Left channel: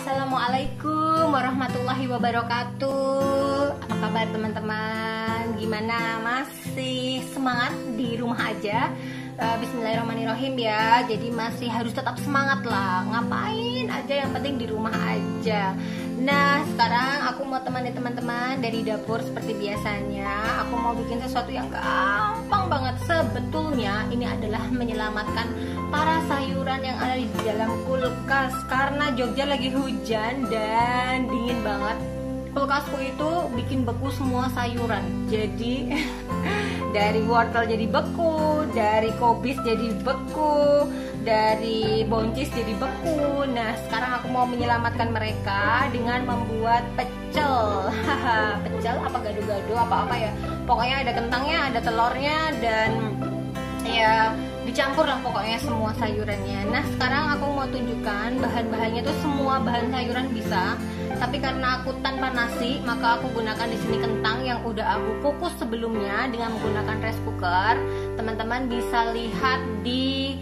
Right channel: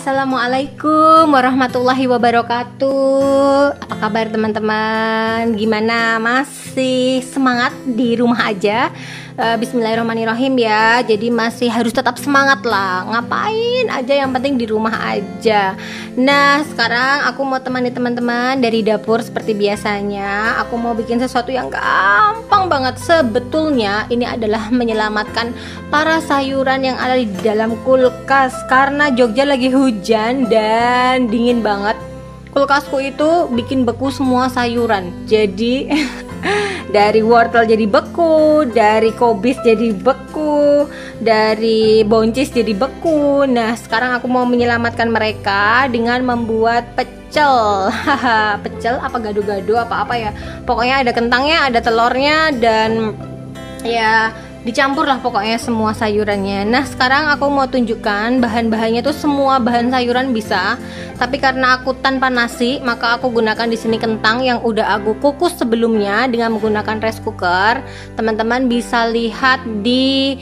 Assalamualaikum warahmatullahi wabarakatuh. Apa kabar teman-teman? Gimana? Masih semangat di rumah aja? Bismillahirrahmanirrahim ya. Jadi masih harus tetap semangat lah. Ngapain aja, yang penting di rumah aja. Nah, sekarang aku mau temani teman-teman dari dapur seperti biasanya. Aku mau bikin sesuatu yang gampang banget. Sebetulnya ini adalah menyelamatkan para sayuran yang ada di dalam kulkas, karena Jogja lagi hujan dan dingin banget. Kulkasku itu bikin beku semua sayuran. Jadi dari wortel jadi beku, dari kobis jadi beku, dari boncis jadi beku. Nah, sekarang aku mau menyelamatkan mereka dengan membuat pecel. Pecel apa gado-gado apa-apa ya. Pokoknya ada kentangnya, ada telurnya, dan ya dicampur lah pokoknya semua sayurannya. Nah, sekarang aku mau tunjukkan bahan-bahannya tuh semua bahan sayuran bisa. Tapi karena aku tanpa nasi, maka aku gunakan di sini kentang yang udah aku kukus sebelumnya dengan menggunakan rice cooker. Teman-teman bisa lihat di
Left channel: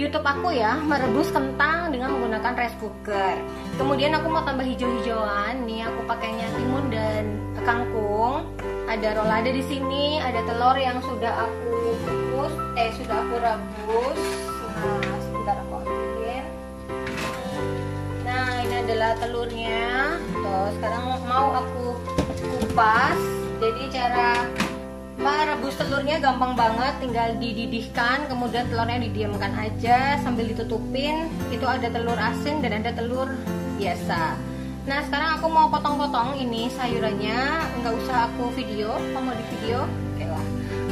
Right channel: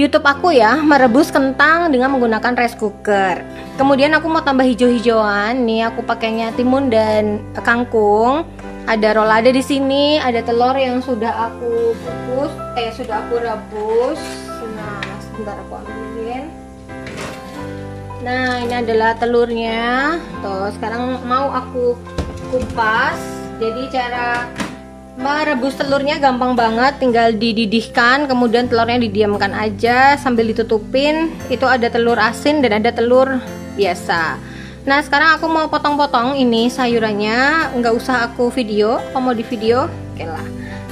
YouTube aku ya, merebus kentang dengan menggunakan rice cooker. Kemudian aku mau tambah hijau-hijauan. Nih aku pakainya timun dan kangkung. Ada rolade di sini, ada telur yang sudah aku kukus, sudah aku rebus. Nah, sebentar aku ambilin. Nah, ini adalah telurnya. Tuh, sekarang mau aku kupas. Jadi cara merebus telurnya gampang banget, tinggal dididihkan, kemudian telurnya didiamkan aja sambil ditutupin. Itu ada telur asin dan ada telur biasa. Nah, sekarang aku mau potong-potong ini sayurannya. Nggak usah aku video. Kalau mau di video, oke lah.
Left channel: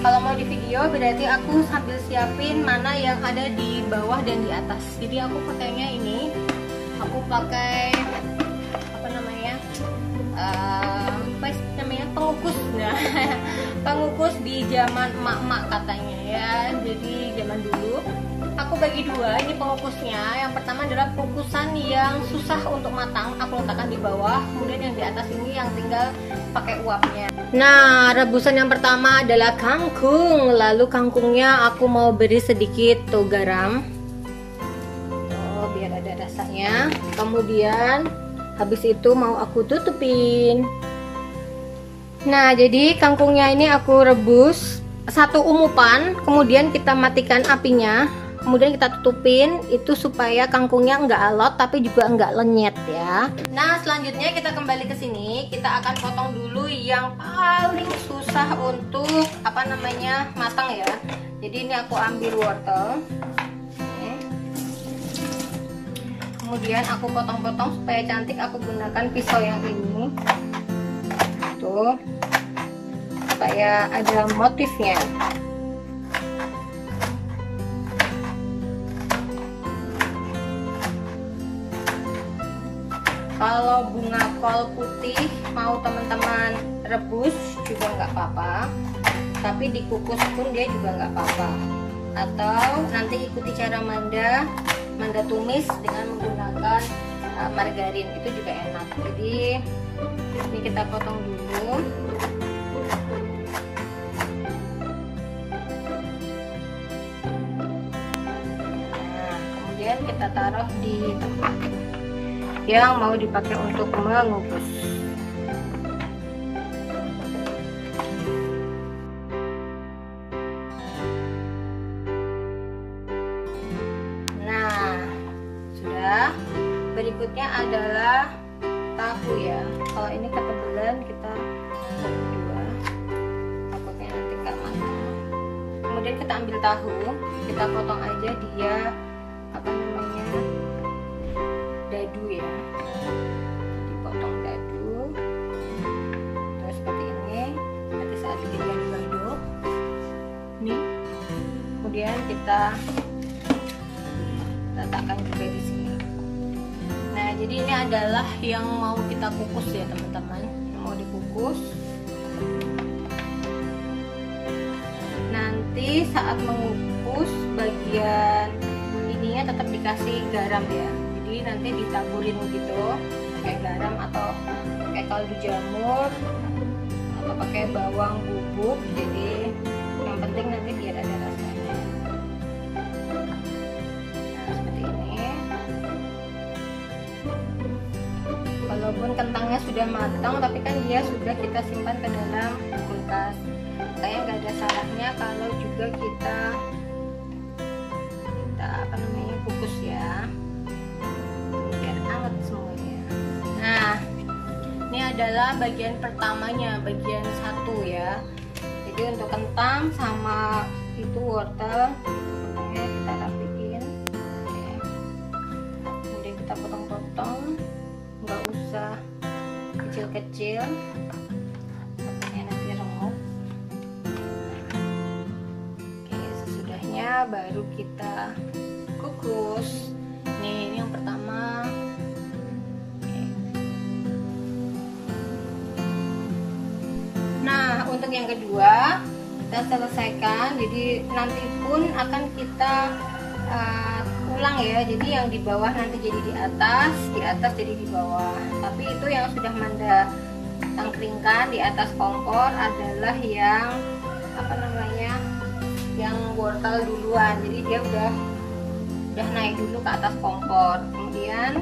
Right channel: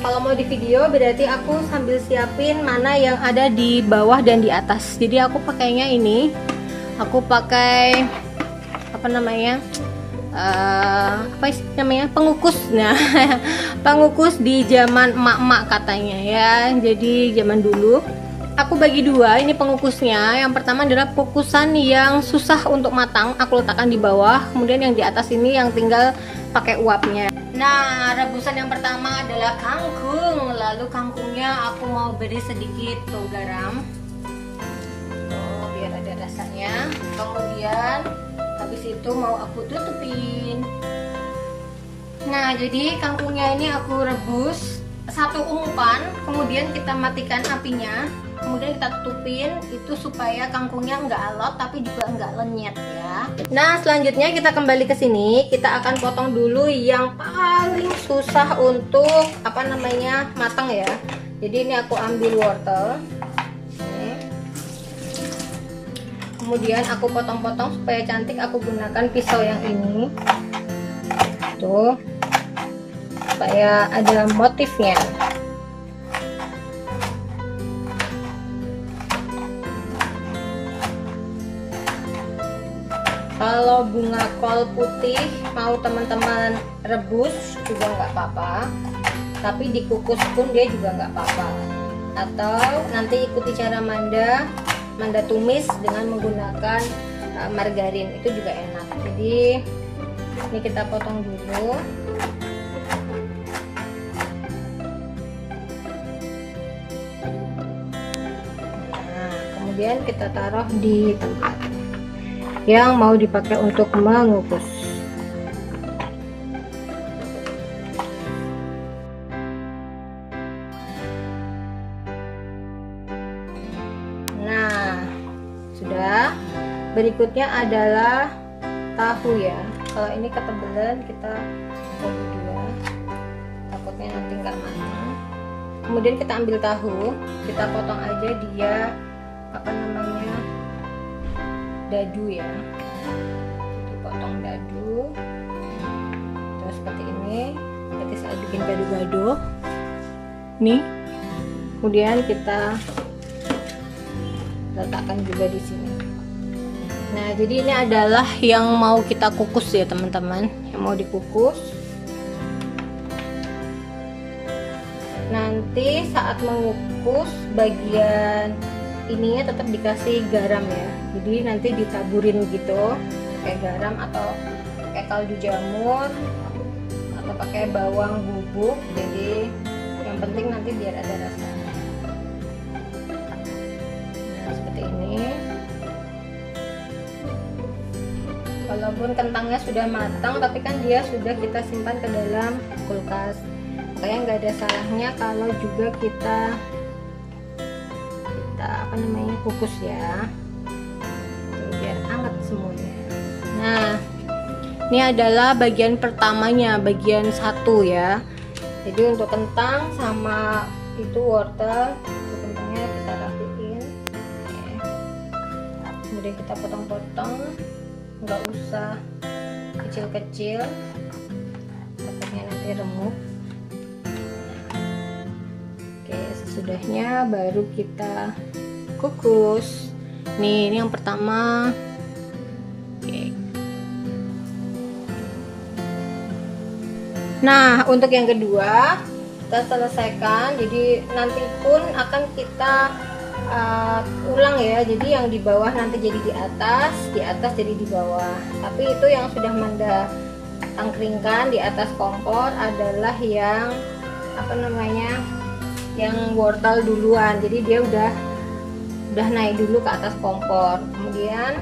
Kalau mau di video berarti aku sambil siapin mana yang ada di bawah dan di atas. Jadi aku pakainya ini. Aku pakai apa namanya? Pengukus. Nah, pengukus di zaman emak-emak katanya ya. Jadi zaman dulu aku bagi dua ini pengukusnya. Yang pertama adalah pengukusan yang susah untuk matang, aku letakkan di bawah. Kemudian yang di atas ini yang tinggal pakai uapnya. Nah, rebusan yang pertama adalah kangkung. Lalu kangkungnya aku mau beri sedikit tuh garam, biar ada rasanya. Kemudian habis itu mau aku tutupin. Nah, jadi kangkungnya ini aku rebus satu umupan. Kemudian kita matikan apinya. Kemudian kita tutupin itu supaya kangkungnya enggak alot tapi juga enggak lenyet ya. Nah, selanjutnya kita kembali ke sini. Kita akan potong dulu yang paling susah untuk matang ya. Jadi ini aku ambil wortel. Kemudian aku potong-potong supaya cantik. Aku gunakan pisau yang ini. Tuh. Supaya ada motifnya. Kalau bunga kol putih mau teman-teman rebus juga nggak apa-apa, tapi dikukus pun dia juga nggak apa-apa. Atau nanti ikuti cara Manda tumis dengan menggunakan margarin, itu juga enak. Jadi ini kita potong dulu. Nah, kemudian kita taruh di tempat yang mau dipakai untuk mengukus. Nah, sudah. Berikutnya adalah tahu ya. Kalau ini ketebalan kita bagi dua, takutnya nanti nggak matang. Kemudian kita ambil tahu, kita potong aja dia dadu ya, dipotong dadu terus seperti ini, seperti saat bikin gado-gado nih. Kemudian kita letakkan juga di sini. Nah, jadi ini adalah yang mau kita kukus ya teman-teman, yang mau dikukus. Nanti saat mengukus bagian ininya tetap dikasih garam ya. Jadi nanti ditaburin gitu pakai garam atau pakai kaldu jamur atau pakai bawang bubuk. Jadi yang penting nanti biar ada rasanya. Nah, seperti ini. walaupun kentangnya sudah matang, tapi kan dia sudah kita simpan ke dalam kulkas. Kayak nggak ada salahnya kalau juga kita kukus ya, biar hangat semuanya. Nah, ini adalah bagian pertamanya, bagian 1 ya. Jadi untuk kentang sama itu wortel, kentangnya kita rapiin. Oke. Kemudian kita potong-potong, nggak usah kecil-kecil, takutnya nanti remuk. Oke, sesudahnya baru kita kukus. Nih, ini yang pertama. Oke. Nah, untuk yang kedua kita selesaikan. Jadi nanti pun akan kita ulang ya. Jadi yang di bawah nanti jadi di atas jadi di bawah. Tapi itu yang sudah Manda tangkringkan di atas kompor adalah yang yang wortel duluan. Jadi dia udah naik dulu ke atas kompor. Kemudian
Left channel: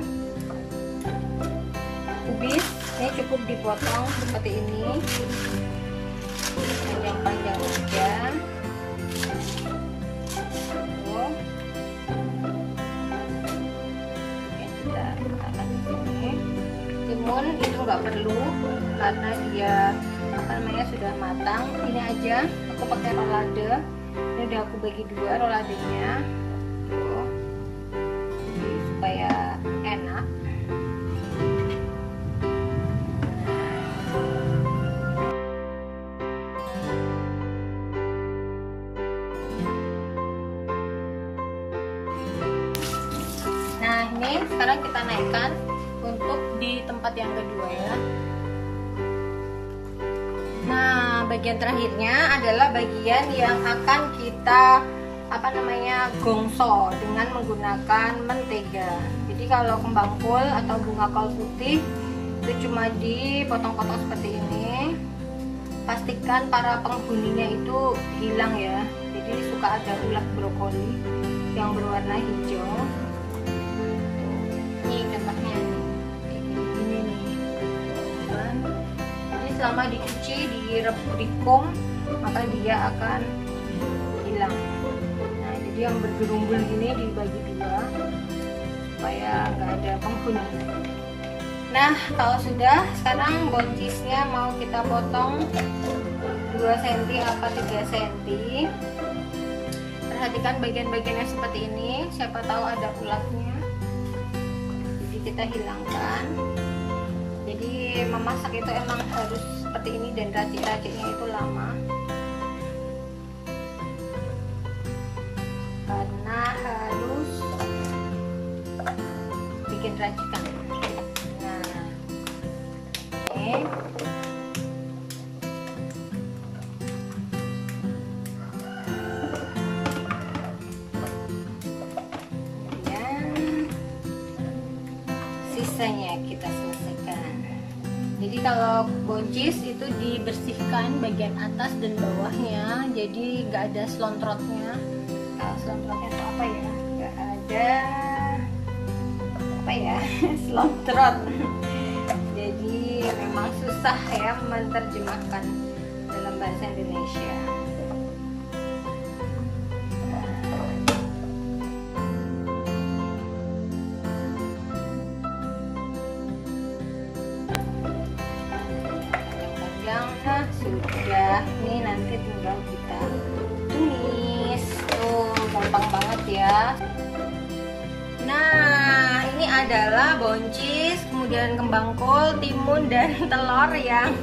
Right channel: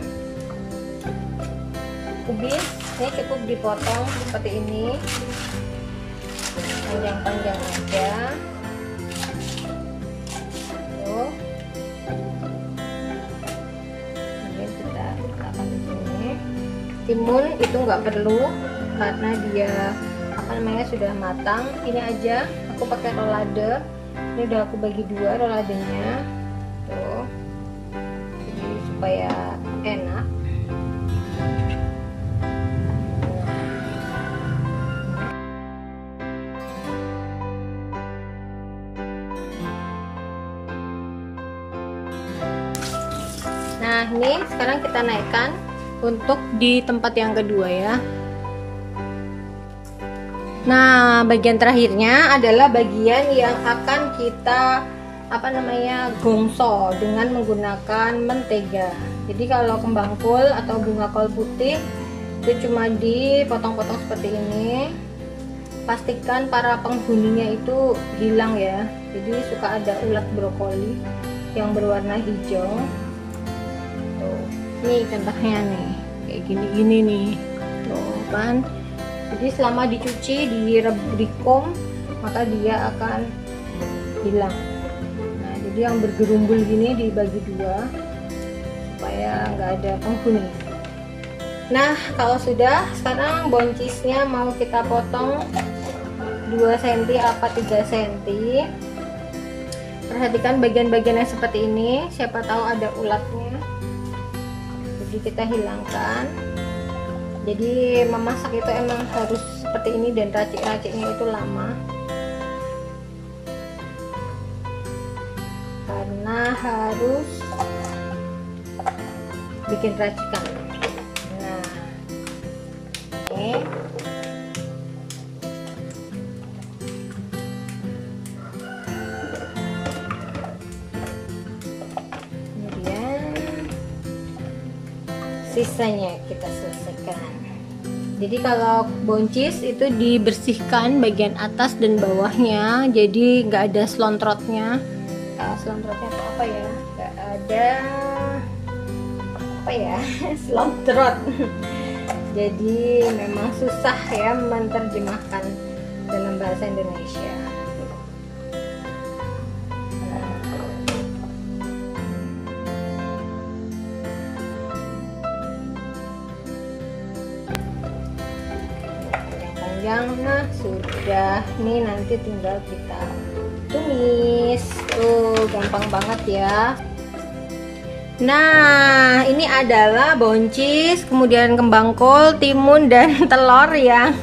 kubis ini cukup dipotong seperti ini, panjang-panjang aja. Tuh. Kemudian kita letakkan di sini. Timun itu nggak perlu karena dia sudah matang. Ini aja aku pakai rolade. Ini udah aku bagi 2 roladenya. Tuh. Supaya enak. Nah, ini sekarang kita naikkan untuk di tempat yang kedua ya. Nah, bagian terakhirnya adalah bagian yang akan kita gongso dengan menggunakan mentega. Jadi kalau kembang kol atau bunga kol putih itu cuma dipotong-potong seperti ini. Pastikan para penghuninya itu hilang ya. Jadi suka ada ulat brokoli yang berwarna hijau. Tuh, ini contohnya nih, kayak gini-gini nih. Tuh kan. Jadi selama dicuci, dikom, maka dia akan hilang. Jadi yang bergerumbul gini dibagi 2 supaya nggak ada penghuni. Nah, kalau sudah, sekarang boncisnya mau kita potong 2 cm apa 3 cm. Perhatikan bagian-bagian yang seperti ini, siapa tahu ada ulatnya. Jadi kita hilangkan. Jadi memasak itu emang harus seperti ini dan racik-raciknya itu lama. Karena harus bikin racikan. Nah, oke. Kemudian sisanya kita selesaikan. Jadi kalau boncis itu dibersihkan bagian atas dan bawahnya, jadi nggak ada selontrotnya. Selontrotnya itu apa ya? Nggak ada selontrot. Jadi memang susah ya menerjemahkan dalam bahasa Indonesia. Nah, sudah, nih nanti tinggal kita tumis. Gampang banget ya. Nah, ini adalah boncis, kemudian kembang kol, timun dan telur yang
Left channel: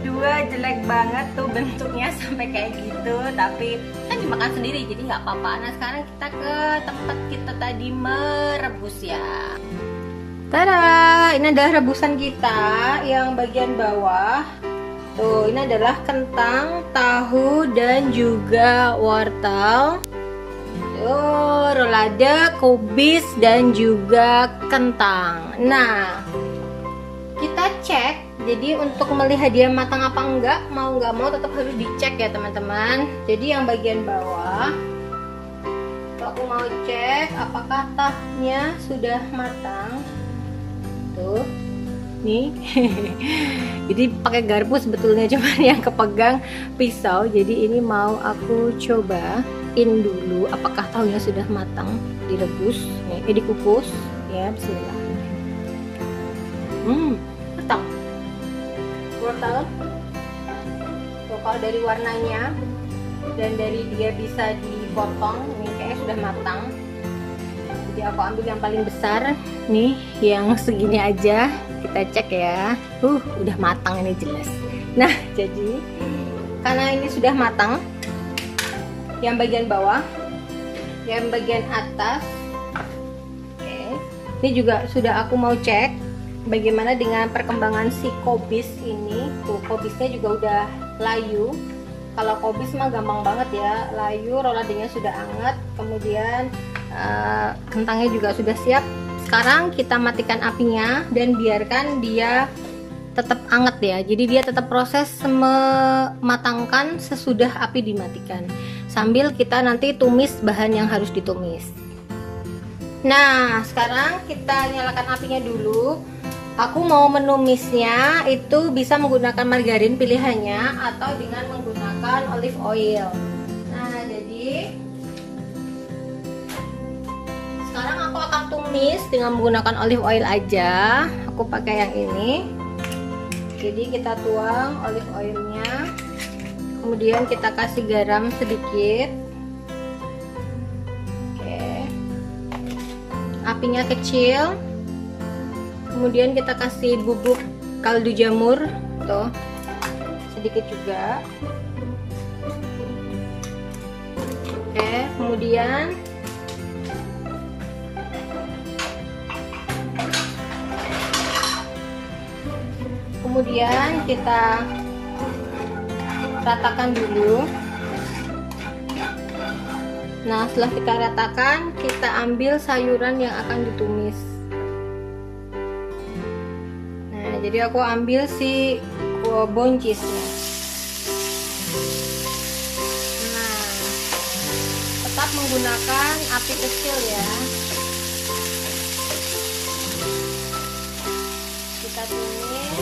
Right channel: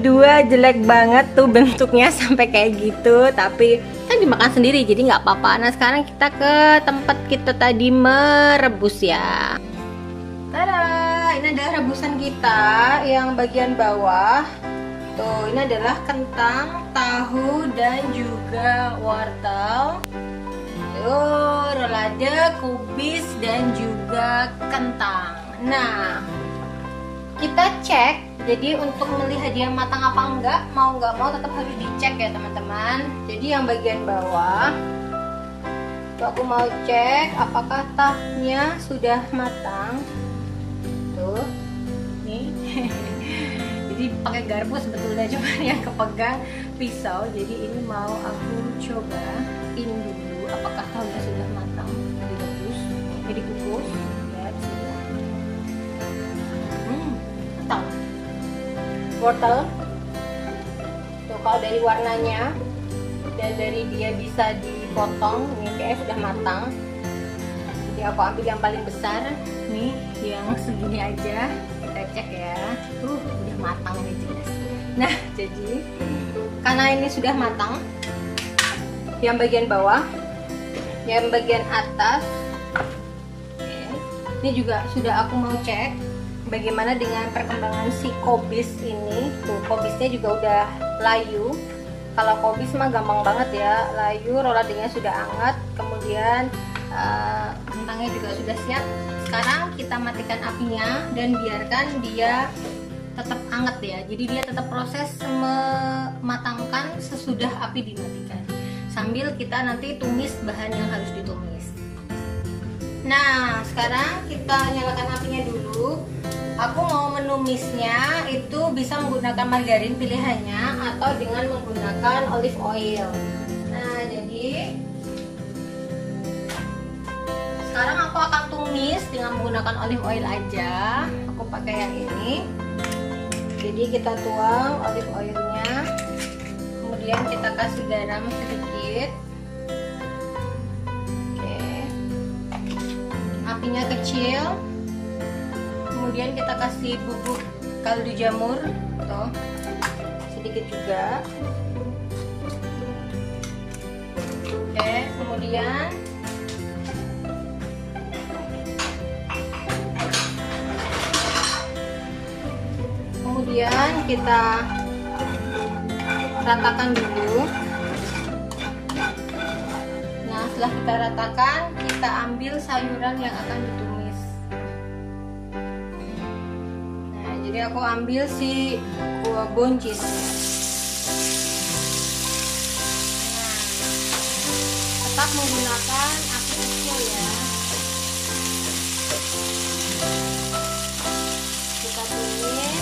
2 jelek banget tuh bentuknya sampai kayak gitu, tapi kan dimakan sendiri jadi nggak apa-apa. Nah, sekarang kita ke tempat kita tadi merebus ya. Tada, ini adalah rebusan kita yang bagian bawah. Tuh, ini adalah kentang, tahu, dan juga wortel. Tuh, rolade, kubis, dan juga kentang. Nah, kita cek. Jadi untuk melihat dia matang apa enggak, mau nggak mau tetap harus dicek ya teman-teman. Jadi yang bagian bawah, tuh aku mau cek apakah tahnya sudah matang. Tuh, nih. Jadi pakai garpu sebetulnya, cuman yang kepegang pisau. Jadi ini mau aku cobain dulu apakah tahunya sudah matang, direbus, dikukus ya. Bismillah. Matang. Wortel. Tuh, kalau dari warnanya dan dari dia bisa dipotong, ini kayaknya sudah matang. Jadi aku ambil yang paling besar nih, yang segini aja. Kita cek ya. Udah matang ini jelas. Nah, jadi karena ini sudah matang, yang bagian bawah, yang bagian atas, ini juga sudah aku mau cek bagaimana dengan perkembangan si kobis ini. Tuh, kobisnya juga udah layu. Kalau kobis mah gampang banget ya, layu, roladingnya sudah hangat, kemudian kentangnya juga sudah siap. Sekarang kita matikan apinya dan biarkan dia tetap hangat ya. Jadi dia tetap proses mematangkan sesudah api dimatikan. Sambil kita nanti tumis bahan yang harus ditumis. Nah, sekarang kita nyalakan apinya dulu. Aku mau menumisnya itu bisa menggunakan margarin pilihannya atau dengan menggunakan olive oil. Nah, jadi sekarang aku akan tumis dengan menggunakan olive oil aja. Aku pakai yang ini. Jadi kita tuang olive oilnya, kemudian kita kasih garam sedikit. Oke, apinya kecil. Kemudian kita kasih bubuk kaldu jamur, tuh sedikit juga. Oke, kemudian kita ratakan dulu. Nah, setelah kita ratakan, kita ambil sayuran yang akan ditumis. Jadi aku ambil si buncis. Nah, tetap menggunakan api kecil ya. Kita tumis.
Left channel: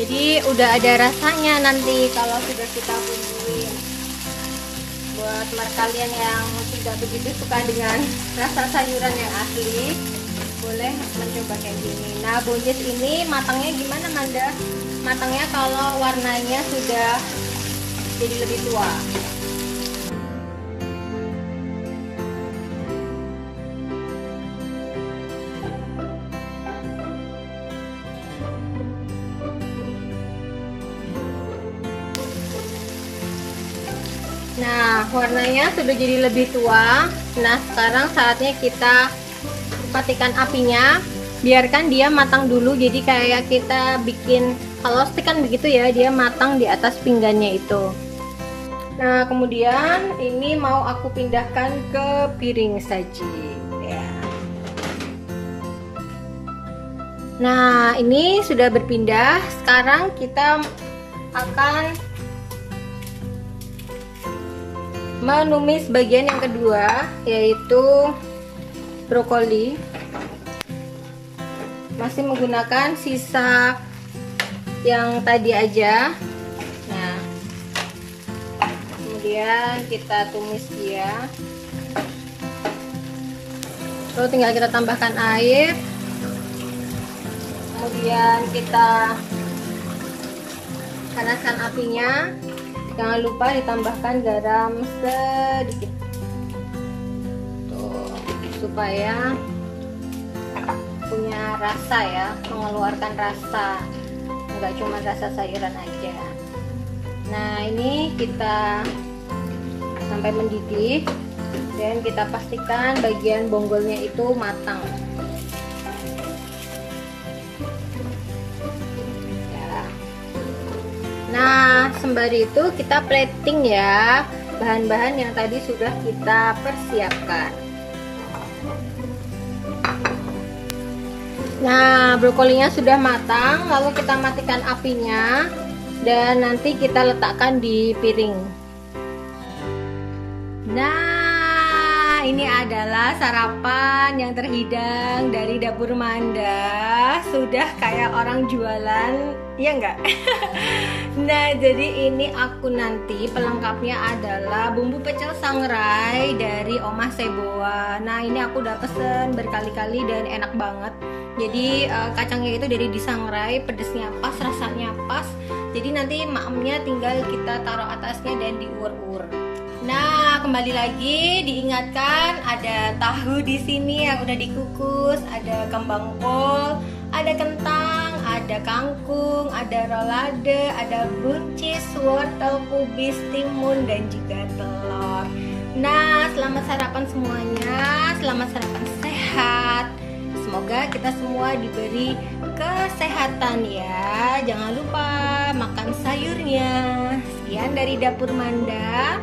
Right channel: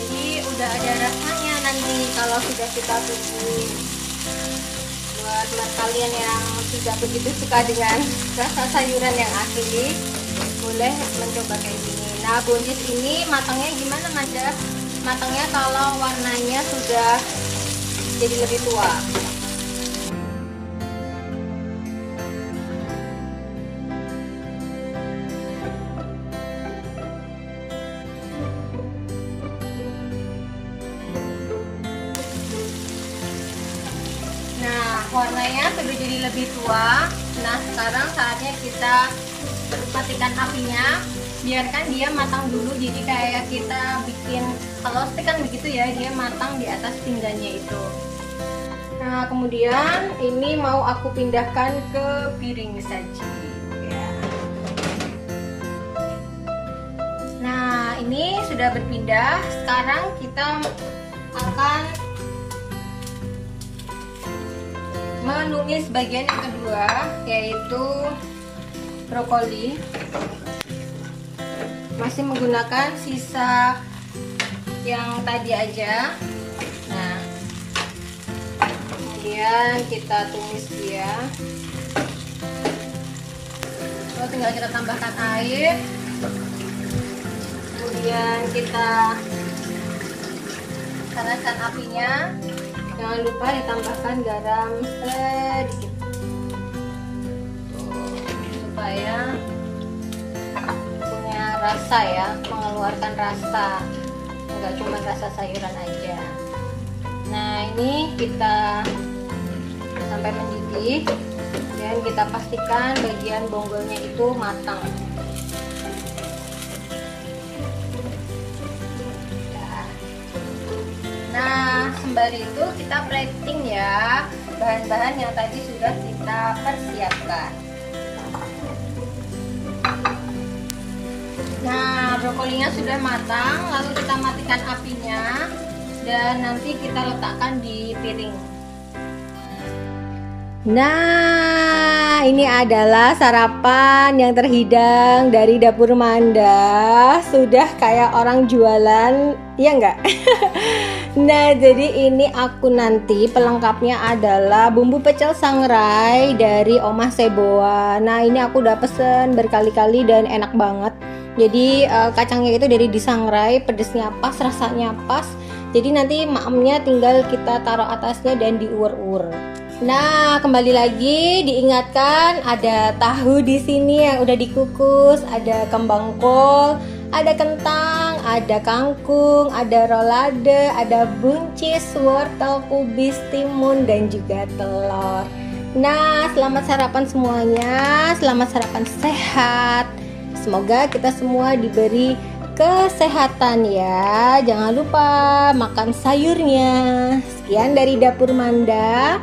Jadi udah ada rasanya nanti kalau sudah kita bumbuin. Buat kalian yang tidak begitu suka dengan rasa sayuran yang asli, boleh mencoba kayak gini. Nah, buncis ini matangnya gimana, Manda? Matangnya kalau warnanya sudah jadi lebih tua. Nah, warnanya sudah jadi lebih tua. Nah, sekarang saatnya kita matikan apinya. Biarkan dia matang dulu. Jadi kayak kita bikin kalau stik kan begitu ya, dia matang di atas pinggannya itu. Nah, kemudian ini mau aku pindahkan ke piring saji ya. Nah, ini sudah berpindah. Sekarang kita akan menumis bagian yang kedua, yaitu brokoli. Masih menggunakan sisa yang tadi aja. Nah, kemudian kita tumis dia. Lalu tinggal kita tambahkan air. Kemudian kita panaskan apinya. Jangan lupa ditambahkan garam sedikit. Supaya punya rasa ya, mengeluarkan rasa, nggak cuma rasa sayuran aja. Nah, ini kita sampai mendidih dan kita pastikan bagian bonggolnya itu matang. Nah, sembari itu kita plating ya bahan-bahan yang tadi sudah kita persiapkan. Nah, brokolinya sudah matang, lalu kita matikan apinya dan nanti kita letakkan di piring. Nah, ini adalah sarapan yang terhidang dari dapur Manda. Sudah kayak orang jualan, ya enggak? Nah, jadi ini aku nanti pelengkapnya adalah bumbu pecel sangrai dari Omah Seboa. Nah, ini aku udah pesen berkali-kali dan enak banget. Jadi kacangnya itu dari disangrai, pedesnya pas, rasanya pas. Jadi nanti maemnya tinggal kita taruh atasnya dan diulur-ulur. Nah, kembali lagi diingatkan ada tahu di sini yang udah dikukus, ada kembang kol, ada kentang, ada kangkung, ada rolade, ada buncis, wortel, kubis, timun, dan juga telur. Nah, selamat sarapan semuanya, selamat sarapan sehat. Semoga kita semua diberi kesehatan ya. Jangan lupa makan sayurnya. Sekian dari Dapur Manda.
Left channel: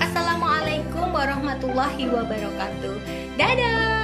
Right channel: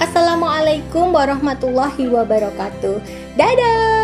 Assalamualaikum warahmatullahi wabarakatuh. Dadah.